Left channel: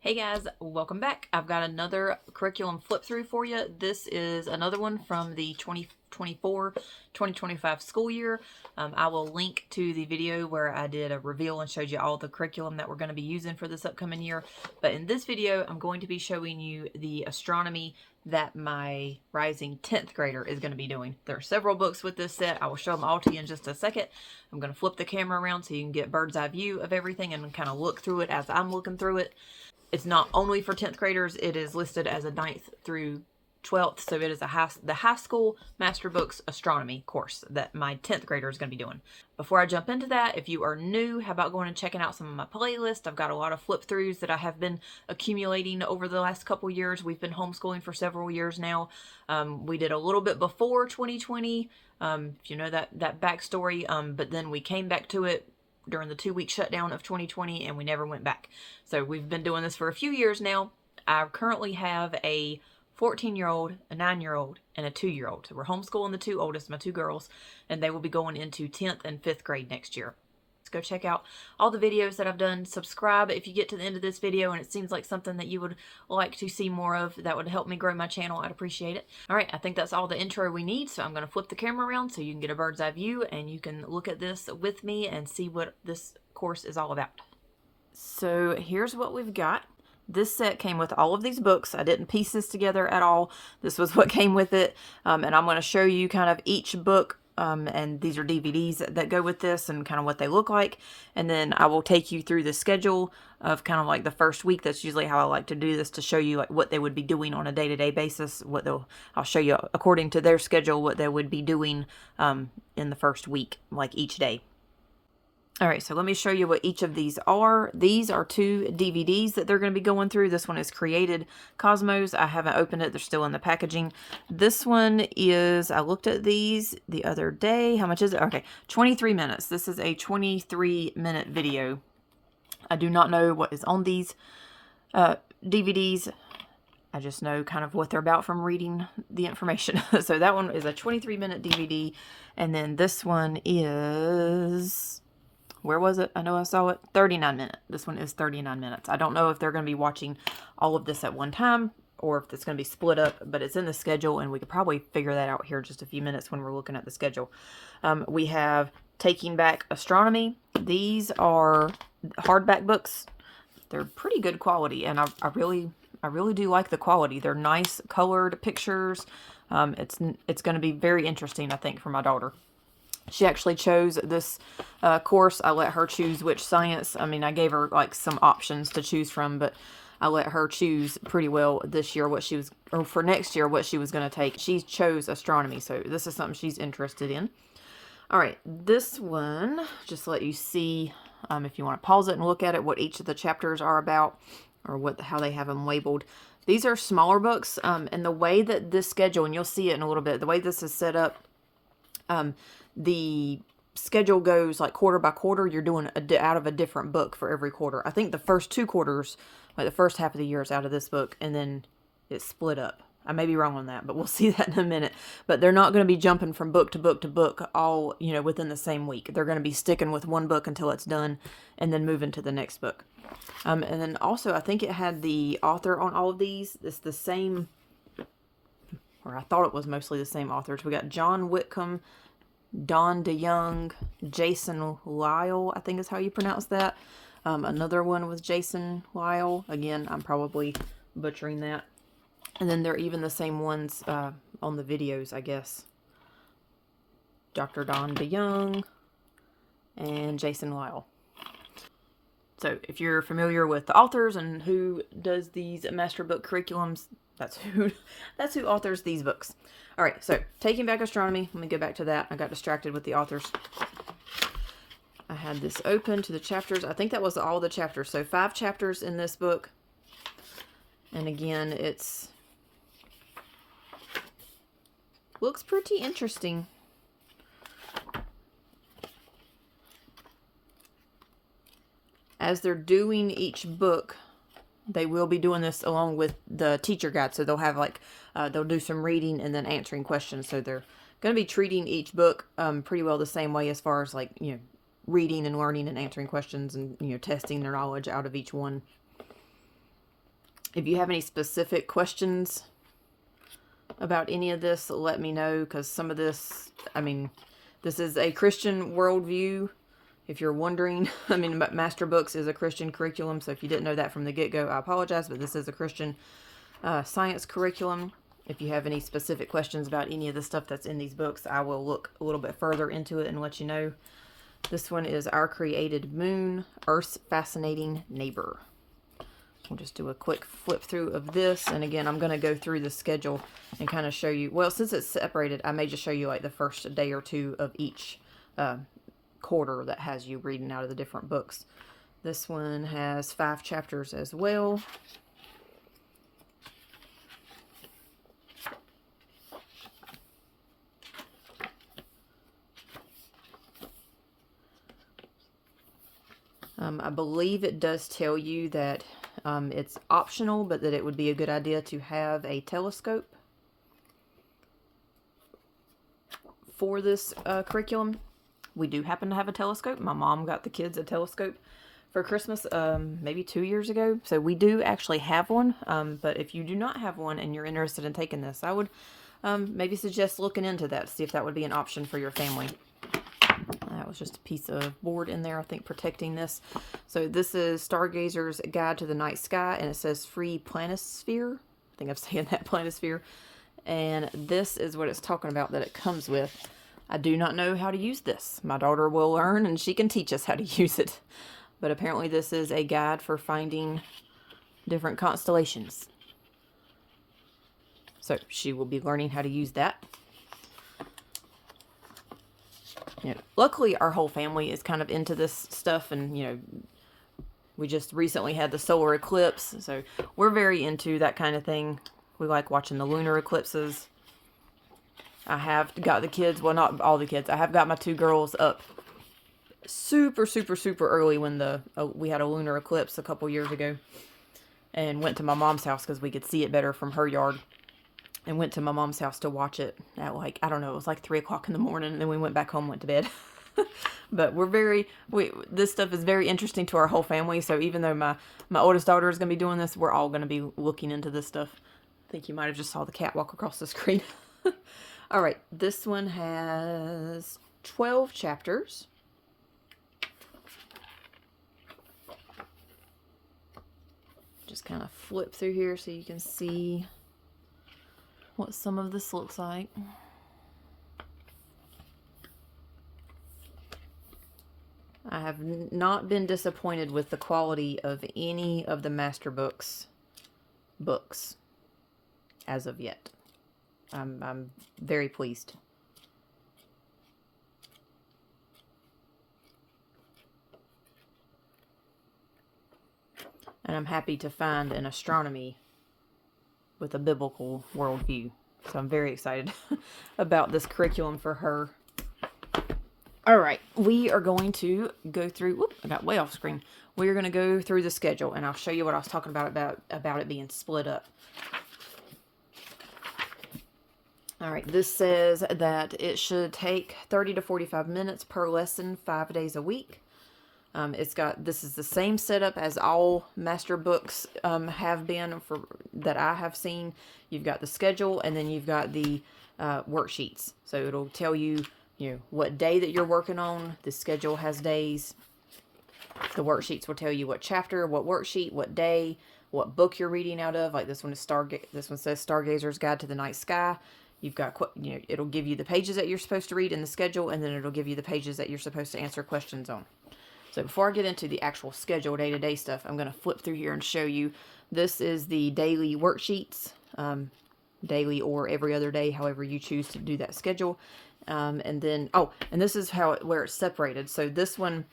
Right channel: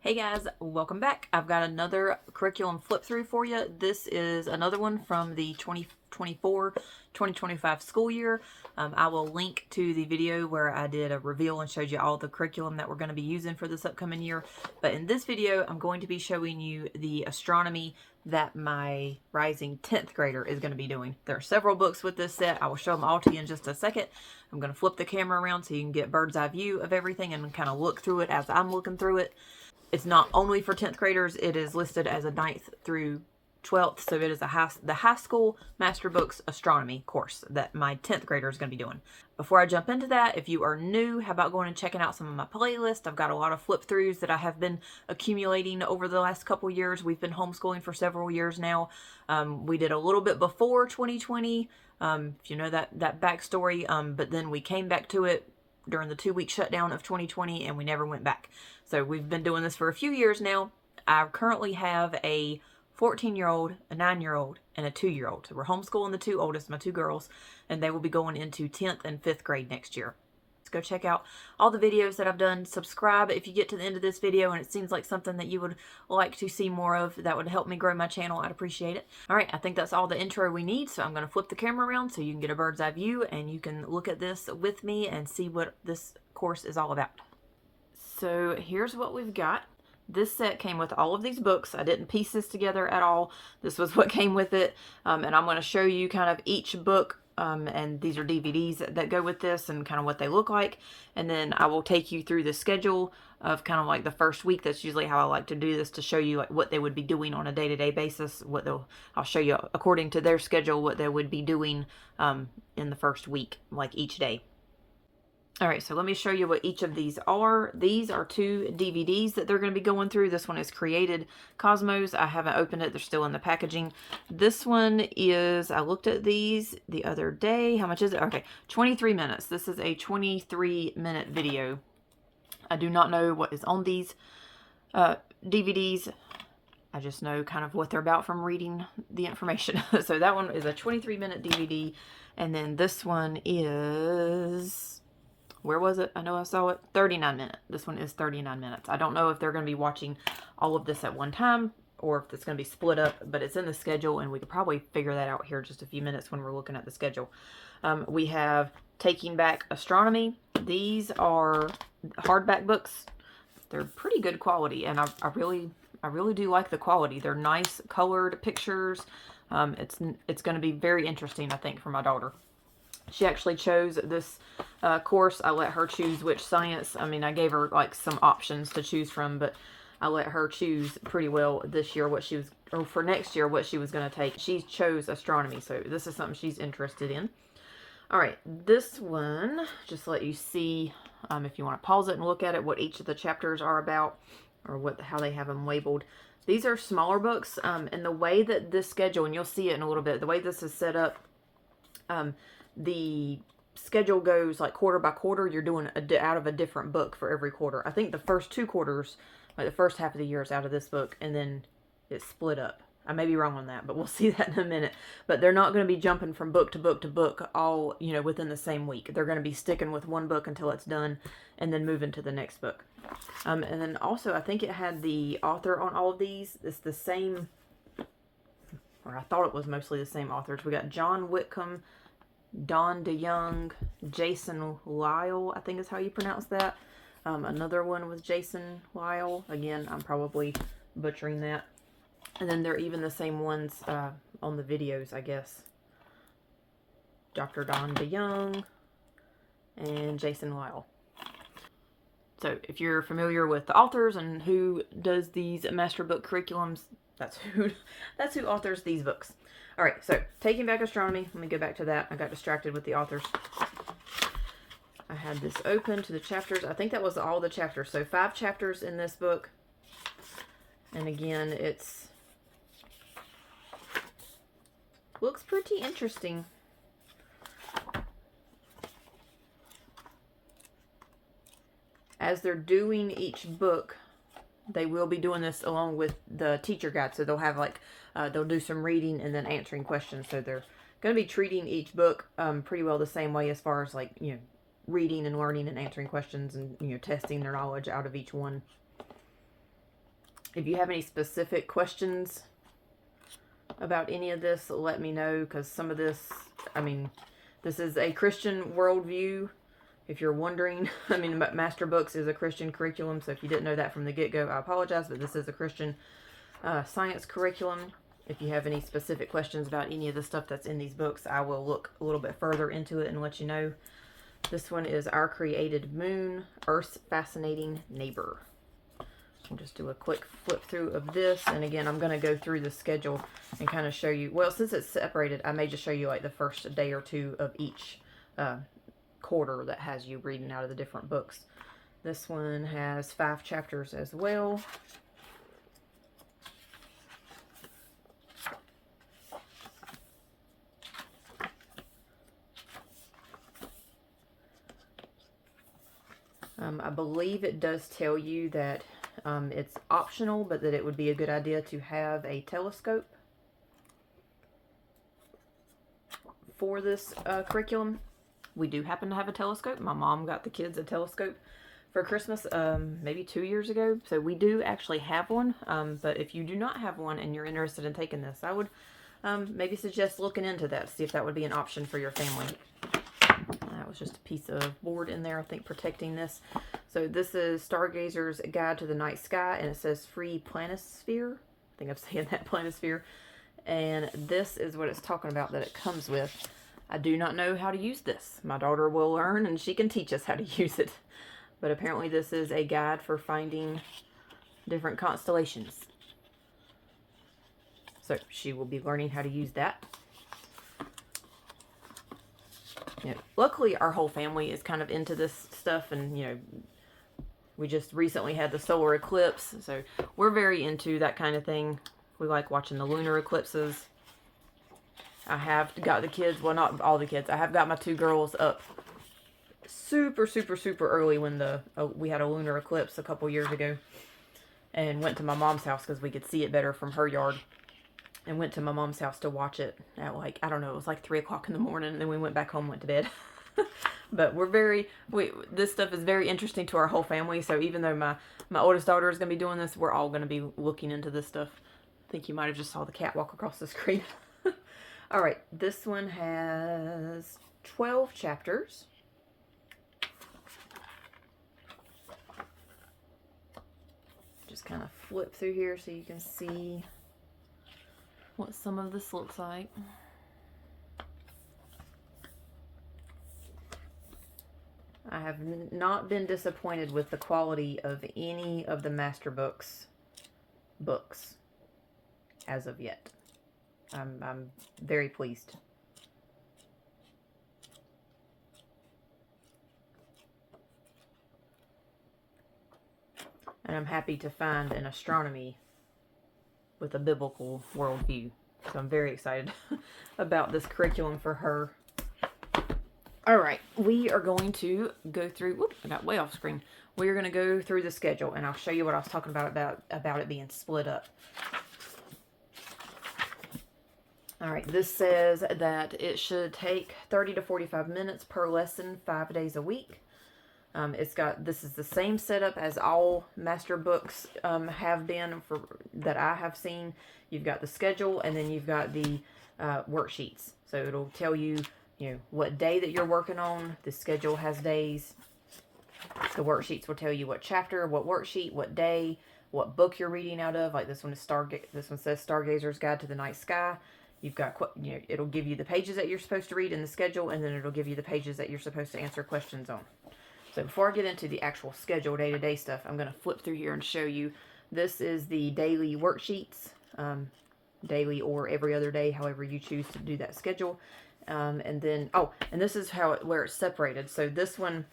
Hey guys, welcome back. I've got another curriculum flip through for you. This is another one from the 2024-2025 school year. I will link to the video where I did a reveal and showed you all the curriculum that we're going to be using for this upcoming year. But in this video, I'm going to be showing you the astronomy that my rising 10th grader is going to be doing. There are several books with this set. I will show them all to you in just a second. I'm going to flip the camera around so you can get bird's eye view of everything and kind of look through it as I'm looking through it. It's not only for 10th graders. It is listed as a 9th through 12th. So it is the high school master books astronomy course that my 10th grader is going to be doing. Before I jump into that, if you are new, how about going and checking out some of my playlists? I've got a lot of flip throughs that I have been accumulating over the last couple years. We've been homeschooling for several years now. We did a little bit before 2020, if you know that backstory, but then we came back to it during the 2-week shutdown of 2020 and we never went back. So we've been doing this for a few years now. I currently have a 14-year-old, a 9-year-old, and a 2-year-old. So we're homeschooling the two oldest, my two girls, and they will be going into 10th and 5th grade next year. Go check out all the videos that I've done. Subscribe if you get to the end of this video and it seems like something that you would like to see more of. That would help me grow my channel. I'd appreciate it. All right, I think that's all the intro we need. So I'm going to flip the camera around so you can get a bird's eye view and you can look at this with me and see what this course is all about. So here's what we've got. This set came with all of these books. I didn't piece this together at all. This was what came with it. And I'm going to show you kind of each book. And these are DVDs that go with this and kind of what they look like. And then I will take you through the schedule of kind of like the first week. That's usually how I like to do this, to show you like what they would be doing on a day-to-day basis. I'll show you according to their schedule what they would be doing in the first week, like each day. All right, so let me show you what each of these are. These are 2 DVDs that they're going to be going through. This one is Created Cosmos. I haven't opened it. They're still in the packaging. This one is, I looked at these the other day. How much is it? Okay, 23 minutes. This is a 23-minute video. I do not know what is on these DVDs. I just know kind of what they're about from reading the information. So that one is a 23-minute DVD. And then this one is... where was it? I know I saw it. 39 minutes. This one is 39 minutes. I don't know if they're going to be watching all of this at one time or if it's going to be split up, but it's in the schedule and we could probably figure that out here in just a few minutes when we're looking at the schedule. We have Taking Back Astronomy. These are hardback books. They're pretty good quality and I really do like the quality. They're nice colored pictures. It's going to be very interesting, I think, for my daughter. She actually chose this course. I let her choose which science. I mean, I gave her like some options to choose from, but I let her choose pretty well this year what she was, or for next year, what she was going to take. She chose astronomy, so this is something she's interested in. All right, this one, just to let you see, if you want to pause it and look at it, what each of the chapters are about, or how they have them labeled. These are smaller books, and the way that this schedule, and you'll see it in a little bit, the way this is set up, the schedule goes like quarter by quarter. You're doing out of a different book for every quarter. I think the first 2 quarters, like the first half of the year, is out of this book, and then it's split up. I may be wrong on that, but we'll see that in a minute. But they're not going to be jumping from book to book to book all, within the same week. They're going to be sticking with one book until it's done and then moving to the next book. And then also, I think it had the author on all of these. It's the same, or I thought it was mostly the same authors. We got John Whitcomb, Don DeYoung, Jason Lyle, I think is how you pronounce that. Another one with Jason Lyle. Again, I'm probably butchering that. And then they're even the same ones on the videos, I guess. Dr. Don DeYoung and Jason Lyle. So if you're familiar with the authors and who does these master book curriculums, that's who authors these books. All right, so Taking Back Astronomy. Let me go back to that. I got distracted with the authors. I had this open to the chapters. I think that was all the chapters. So 5 chapters in this book. And again, looks pretty interesting. As they're doing each book, they will be doing this along with the teacher guide. So they'll have like, they'll do some reading and then answering questions. So they're going to be treating each book pretty well the same way as far as like, reading and learning and answering questions and, testing their knowledge out of each one. If you have any specific questions about any of this, let me know, because some of this, I mean, this is a Christian worldview. If you're wondering, I mean, Master Books is a Christian curriculum, so if you didn't know that from the get-go, I apologize, but this is a Christian science curriculum. If you have any specific questions about any of the stuff that's in these books, I will look a little bit further into it and let you know. This one is Our Created Moon, Earth's Fascinating Neighbor. I'll just do a quick flip through of this, and again, I'm going to go through the schedule and kind of show you, well, since it's separated, I may just show you like the first day or two of each quarter that has you reading out of the different books. This one has 5 chapters as well. I believe it does tell you that it's optional, but that it would be a good idea to have a telescope for this curriculum. We do happen to have a telescope. My mom got the kids a telescope for Christmas maybe 2 years ago. So we do actually have one. But if you do not have one and you're interested in taking this, I would maybe suggest looking into that, see if that would be an option for your family. That was just a piece of board in there, I think, protecting this. So this is Stargazer's Guide to the Night Sky, and it says Free Planisphere. I think I'm saying that, Planisphere. And this is what it's talking about that it comes with. I do not know how to use this. My daughter will learn, and she can teach us how to use it. But apparently this is a guide for finding different constellations. So she will be learning how to use that. You know, luckily our whole family is kind of into this stuff, and you know, we just recently had the solar eclipse, so we're very into that kind of thing. We like watching the lunar eclipses. I have got the kids, well, not all the kids, I have got my 2 girls up super early when we had a lunar eclipse a couple years ago, and went to my mom's house because we could see it better from her yard. And went to my mom's house to watch it at like, I don't know, it was like 3 o'clock in the morning. And then we went back home, went to bed. But this stuff is very interesting to our whole family. So even though my oldest daughter is going to be doing this, we're all going to be looking into this stuff. I think you might have just saw the cat walk across the screen. All right, this one has 12 chapters. Just kind of flip through here so you can see what some of this looks like. I have not been disappointed with the quality of any of the Master books as of yet. I'm very pleased. And I'm happy to find an astronomy with a biblical worldview. So I'm very excited about this curriculum for her. All right, we are going to go through, whoop, I got way off screen. We are going to go through the schedule, and I'll show you what I was talking about it being split up. All right, this says that it should take 30 to 45 minutes per lesson, 5 days a week. This is the same setup as all Master books have been that I have seen. You've got the schedule, and then you've got the worksheets. So it'll tell you, what day that you're working on. The schedule has days. The worksheets will tell you what chapter, what worksheet, what day, what book you're reading out of. Like this one is this one says Stargazer's Guide to the Night Sky. You've got, it'll give you the pages that you're supposed to read in the schedule, and then it'll give you the pages that you're supposed to answer questions on. So before I get into the actual schedule, day-to-day stuff, I'm going to flip through here and show you. This is the daily worksheets, daily or every other day, however you choose to do that schedule. And then, and this is where it's separated. So this one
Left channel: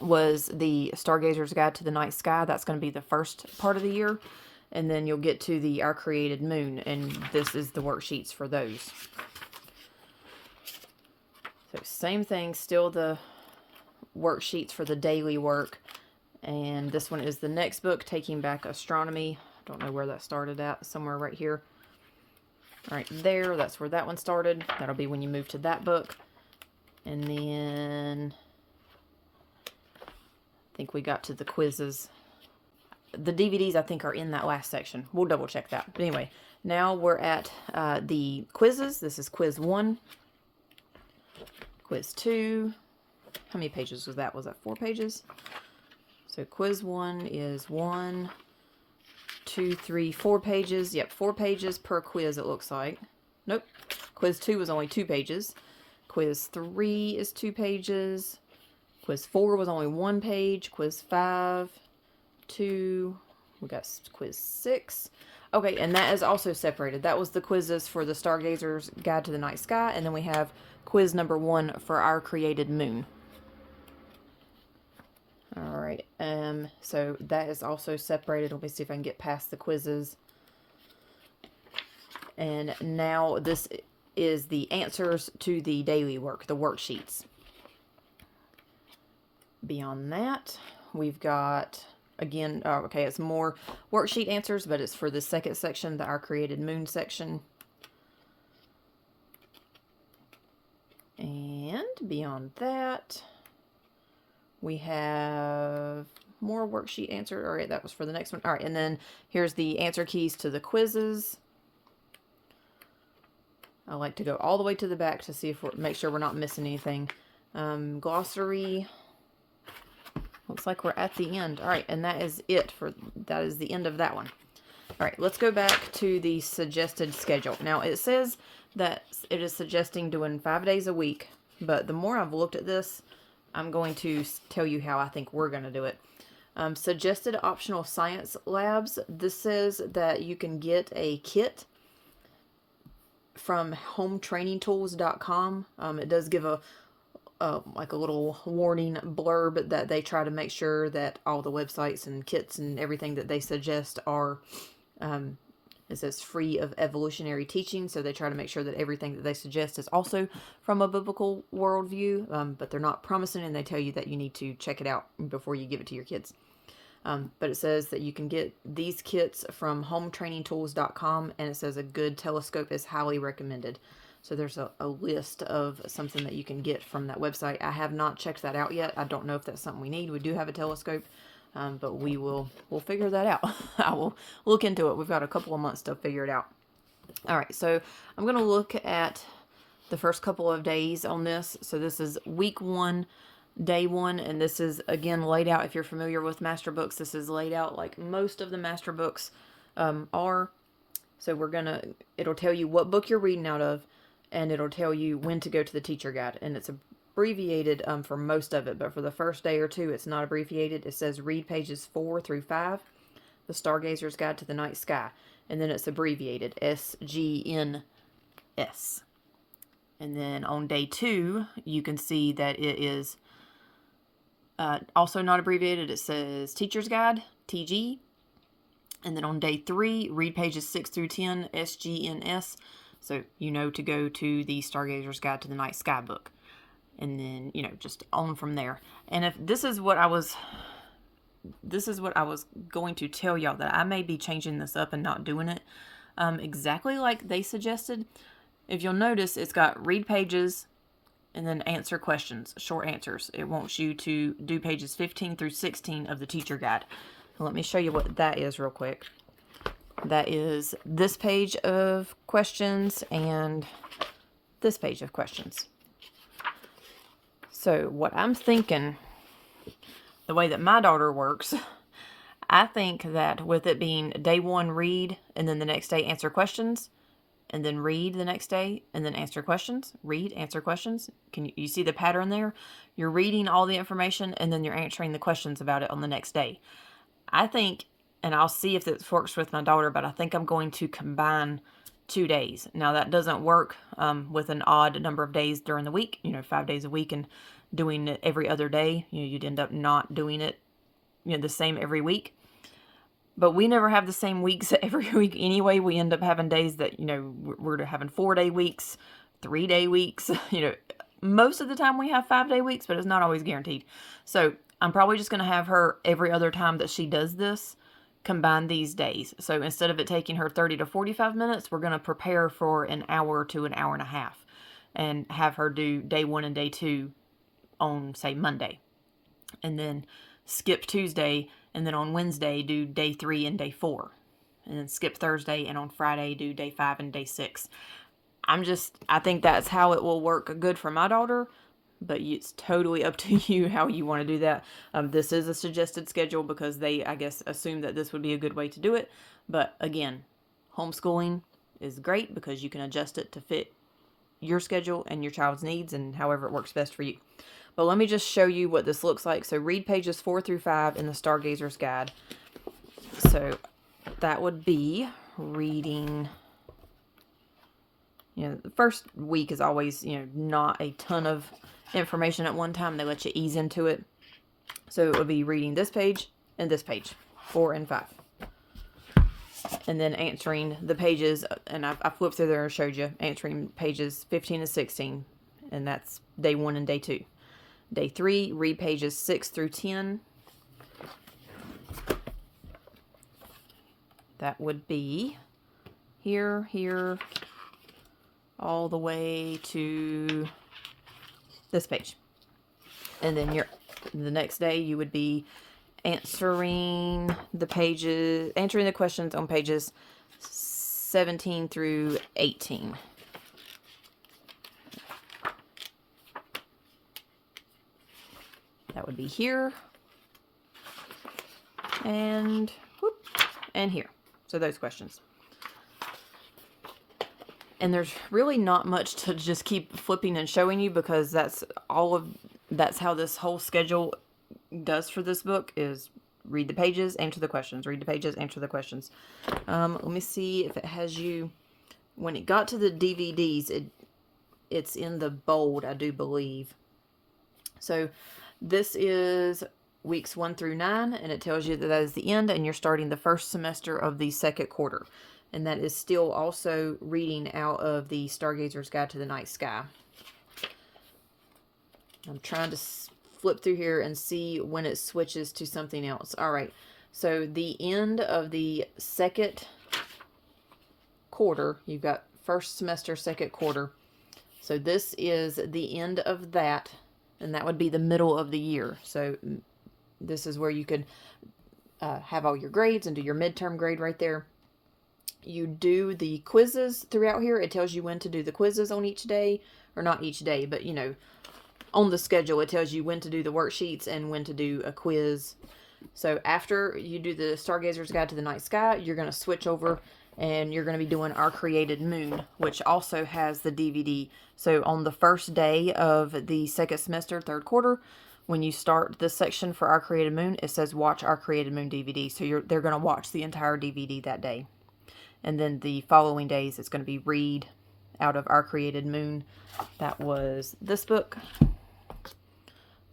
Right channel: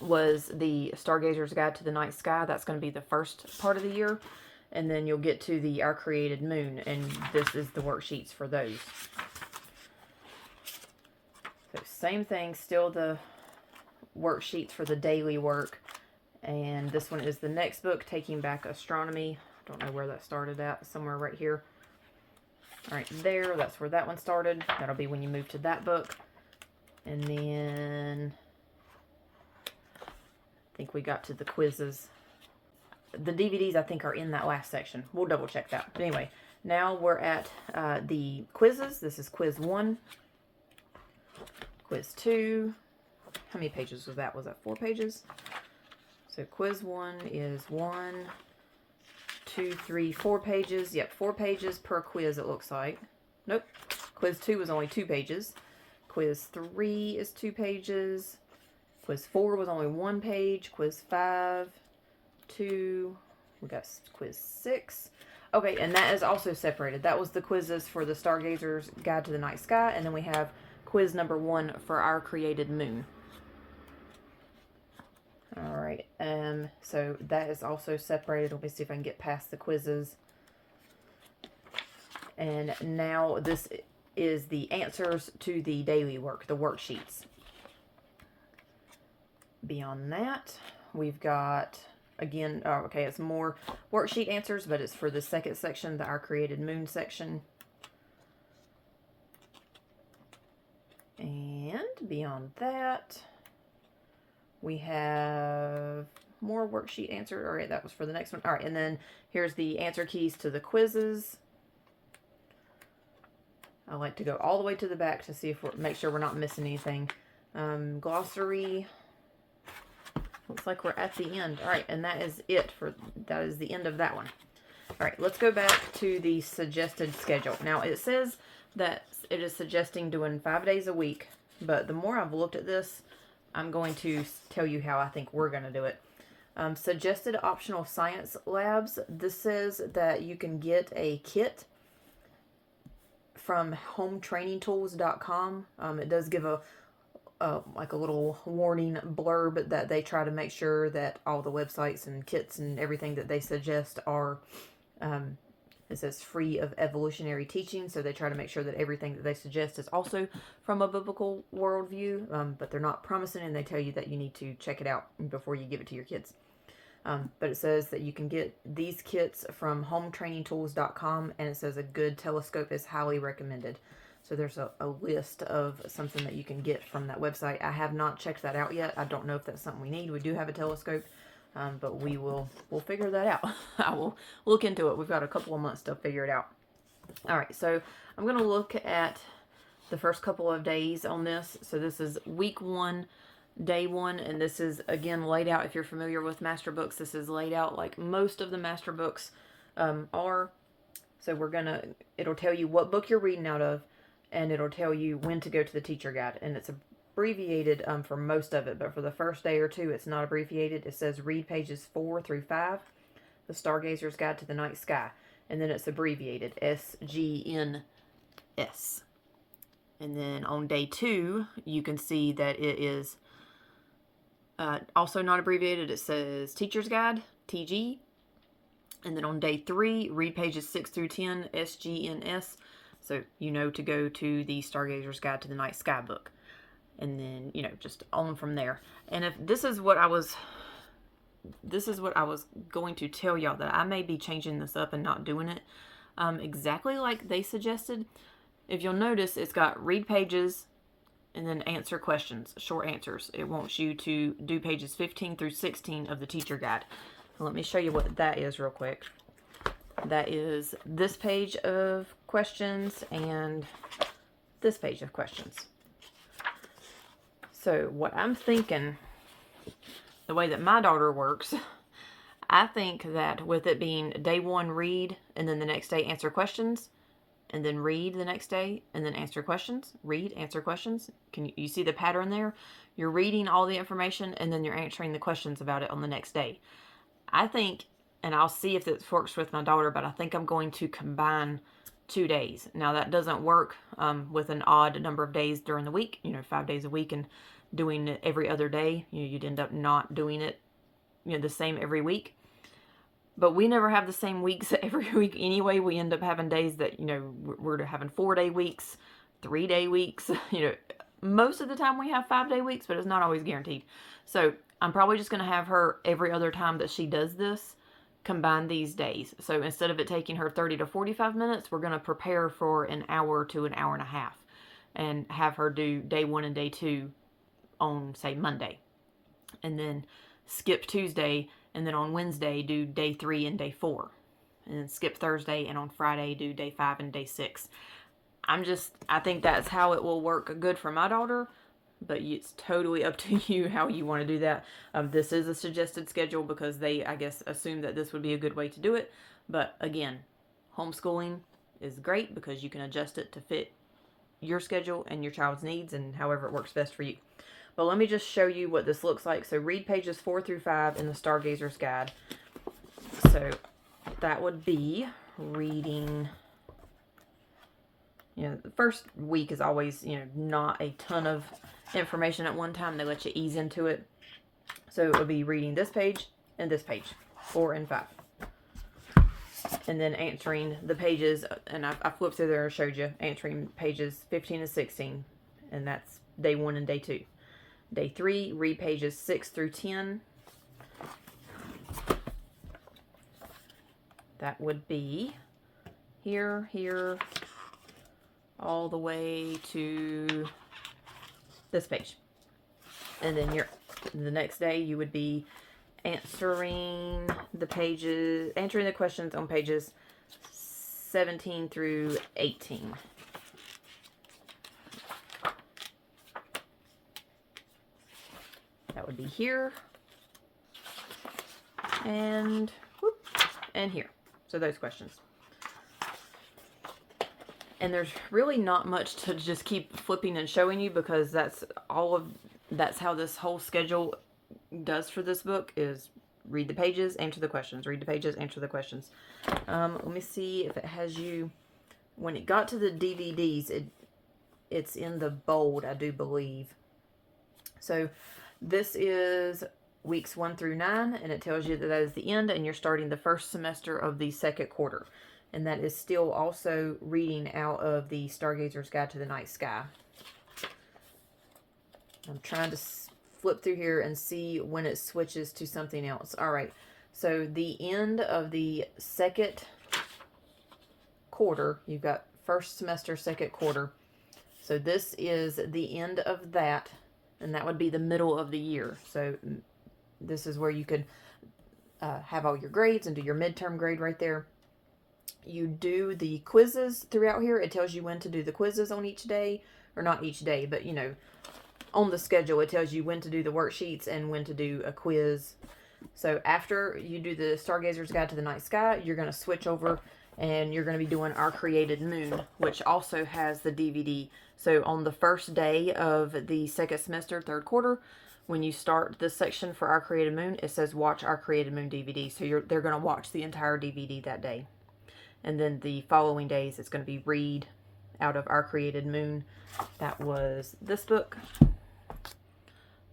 was the Stargazer's Guide to the Night Sky. That's going to be the first part of the year. And then you'll get to the Our Created Moon, and this is the worksheets for those. So same thing, still the worksheets for the daily work. And this one is the next book, Taking Back Astronomy. I don't know where that started at, somewhere right here. Right there, that's where that one started. That'll be when you move to that book. And then I think we got to the quizzes. the DVDs I think are in that last section. We'll double check that. But anyway, now we're at the quizzes. This is quiz 1, quiz 2. How many pages was that? Was that 4 pages? So quiz 1 is 1, 2, 3, 4 pages. Yep, 4 pages per quiz it looks like. Nope. Quiz 2 was only 2 pages. Quiz 3 is 2 pages. Quiz 4 was only 1 page. Quiz 5, 2. We got quiz 6. Okay, and that is also separated. That was the quizzes for the Stargazer's Guide to the Night Sky, and then we have quiz number 1 for Our Created Moon. Alright, so that is also separated. Let me see if I can get past the quizzes. And now this is the answers to the daily work, the worksheets. Beyond that, we've got, again, okay, it's more worksheet answers, but it's for the second section, the Our Created Moon section. And beyond that, we have more worksheet answer. All right, that was for the next one. All right, and then here's the answer keys to the quizzes. I like to go all the way to the back to see if make sure we're not missing anything. Glossary. Looks like we're at the end. All right, and that is it that is the end of that one. All right, let's go back to the suggested schedule. Now it says that it is suggesting doing 5 days a week, but the more I've looked at this, I'm going to tell you how I think we're going to do it. Suggested optional science labs. This says that you can get a kit from hometrainingtools.com. It does give like a little warning blurb that they try to make sure that all the websites and kits and everything that they suggest are, it says free of evolutionary teaching, so they try to make sure that everything that they suggest is also from a biblical worldview, but they're not promising, and they tell you that you need to check it out before you give it to your kids. But it says that you can get these kits from hometrainingtools.com, and it says a good telescope is highly recommended. So there's a list of something that you can get from that website. I have not checked that out yet. I don't know if that's something we need. We do have a telescope, but we'll figure that out. I will look into it. We've got a couple of months to figure it out. All right, so I'm going to look at the first couple of days on this. So this is week 1, day 1, and this is again laid out. If you're familiar with master books, this is laid out like most of the master books are. So it'll tell you what book you're reading out of, and it'll tell you when to go to the teacher guide. And it's abbreviated for most of it, but for the first day or two, it's not abbreviated. It says read pages 4 through 5, the Stargazer's Guide to the Night Sky. And then it's abbreviated, SGNS. And then on day 2, you can see that it is also not abbreviated. It says Teacher's Guide, TG. And then on day 3, read pages 6 through 10, SGNS. So you know to go to the Stargazer's Guide to the Night Sky book. And then, just on from there. And if this is what I was going to tell y'all, that I may be changing this up and not doing it exactly like they suggested. If you'll notice, it's got read pages and then answer questions, short answers. It wants you to do pages 15 through 16 of the teacher guide. Let me show you what that is real quick. That is this page of questions and this page of questions. So what I'm thinking, the way that my daughter works, I think that with it being day 1 read, and then the next day answer questions, and then read the next day, and then answer questions, read, answer questions. Can you see the pattern there? You're reading all the information, and then you're answering the questions about it on the next day. I think, and I'll see if this works with my daughter, but I think I'm going to combine 2 days. Now that doesn't work with an odd number of days during the week, 5 days a week, and doing it every other day. You'd end up not doing it, the same every week. But we never have the same weeks every week anyway. We end up having days that, we're having 4-day weeks, 3-day weeks. Most of the time we have 5-day weeks, but it's not always guaranteed. So I'm probably just going to have her every other time that she does this, combine these days. So instead of it taking her 30 to 45 minutes, we're going to prepare for an hour to an hour and a half and have her do day 1 and day 2 on, say, Monday. And then skip Tuesday And then on Wednesday, do day 3 and day 4. And then skip Thursday, and on Friday, do day 5 and day 6. I think that's how it will work good for my daughter, but it's totally up to you how you want to do that. This is a suggested schedule because they, I guess, assume that this would be a good way to do it. But again, homeschooling is great because you can adjust it to fit your schedule and your child's needs and however it works best for you. But let me just show you what this looks like. So read pages 4 through 5 in the Stargazer's Guide. So that would be reading, the first week is always, not a ton of information at one time. They let you ease into it. So it would be reading this page and this page, 4 and 5. And then answering the pages, and I flipped through there and showed you, answering pages 15 and 16. And that's day 1 and day 2. Day 3, read pages 6 through 10. That would be here, all the way to this page. And then the next day you would be answering the questions on pages 17 through 18. That would be here and here. So those questions. And there's really not much to just keep flipping and showing you because that's how this whole schedule does for this book is read the pages, answer the questions, read the pages, answer the questions. Let me see if it has you, when it got to the DVDs, it's in the bold, I do believe. So this is weeks 1 through 9, and it tells you that is the end, and you're starting the first semester of the second quarter. And that is still also reading out of the Stargazer's Guide to the Night Sky. I'm trying to flip through here and see when it switches to something else. All right, so the end of the second quarter, you've got first semester, second quarter. So this is the end of that, and that would be the middle of the year. So this is where you could have all your grades and do your midterm grade right there. You do the quizzes throughout here. It tells you when to do the quizzes on each day, or not each day, but on the schedule it tells you when to do the worksheets and when to do a quiz. So after you do the Stargazer's Guide to the Night Sky, you're going to switch over and you're going to be doing Our Created Moon, which also has the DVD. So on the first day of the second semester, third quarter, when you start this section for Our Created Moon, it says watch Our Created Moon DVD. So they're going to watch the entire DVD that day. And then the following days, it's going to be read out of Our Created Moon. That was this book.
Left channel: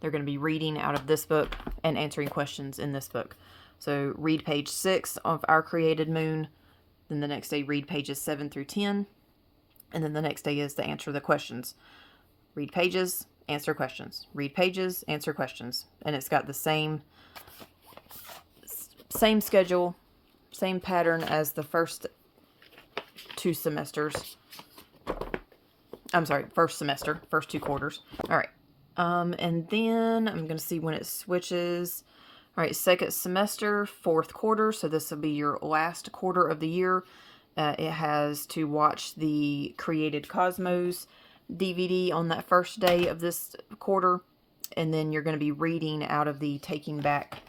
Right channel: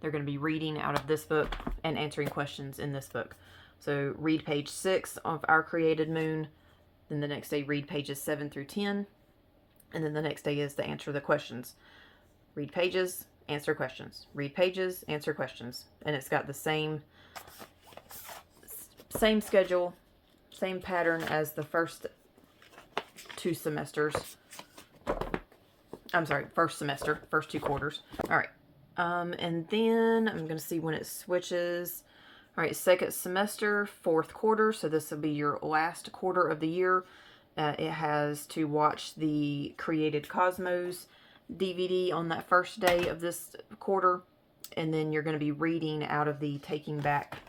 They're going to be reading out of this book and answering questions in this book. So read page 6 of Our Created Moon. Then the next day, read pages 7 through 10. And then the next day is to answer the questions. Read pages, answer questions. Read pages, answer questions. And it's got the same schedule, same pattern as the first 2 semesters. I'm sorry, first semester, first 2 quarters. All right. And then I'm going to see when it switches. All right, second semester, 4th quarter. So this will be your last quarter of the year. It has to watch the Created Cosmos DVD on that first day of this quarter. And then you're going to be reading out of the Taking Back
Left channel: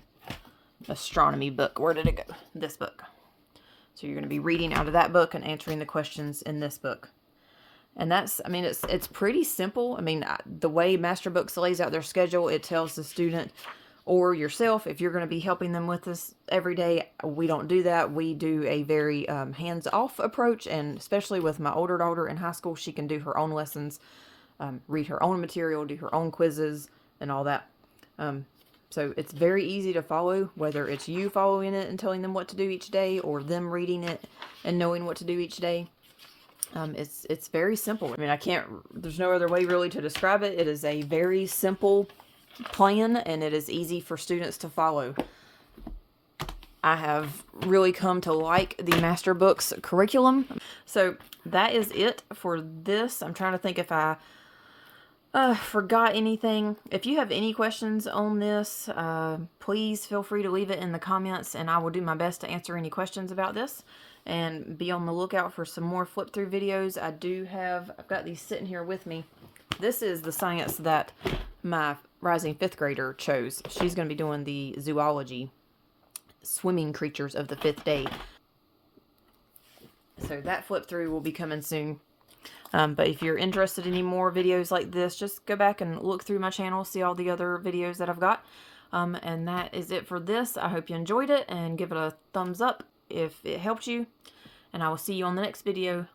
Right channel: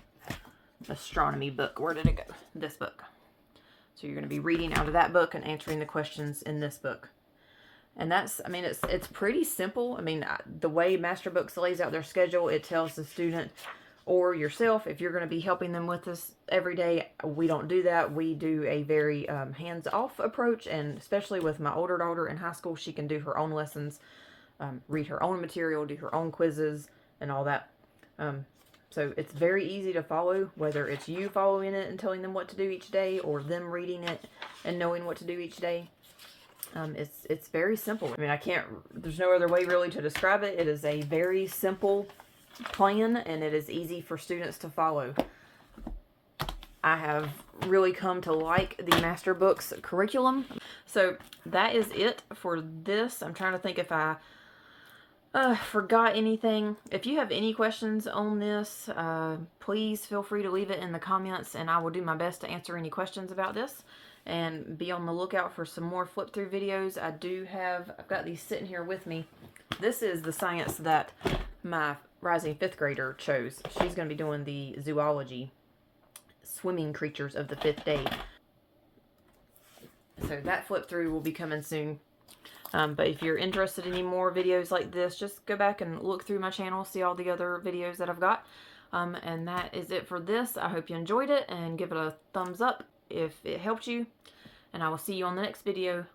Astronomy book. Where did it go? This book. So you're going to be reading out of that book and answering the questions in this book. And that's, it's pretty simple. The way Master Books lays out their schedule, it tells the student or yourself, if you're going to be helping them with this every day. We don't do that. We do a very hands-off approach, and especially with my older daughter in high school, she can do her own lessons, read her own material, do her own quizzes, and all that. So it's very easy to follow, whether it's you following it and telling them what to do each day, or them reading it and knowing what to do each day. It's very simple. There's no other way really to describe it. It is a very simple plan, and it is easy for students to follow. I have really come to like the Master Books curriculum. So that is it for this. I'm trying to think if I forgot anything. If you have any questions on this, please feel free to leave it in the comments, and I will do my best to answer any questions about this. And be on the lookout for some more flip through videos. I've got these sitting here with me. This is the science that my rising 5th grader chose. She's going to be doing the zoology, swimming creatures of the 5th day. So that flip through will be coming soon. But if you're interested in any more videos like this, just go back and look through my channel, see all the other videos that I've got. And that is it for this. I hope you enjoyed it, and give it a thumbs up if it helped you. And I will see you on the next video.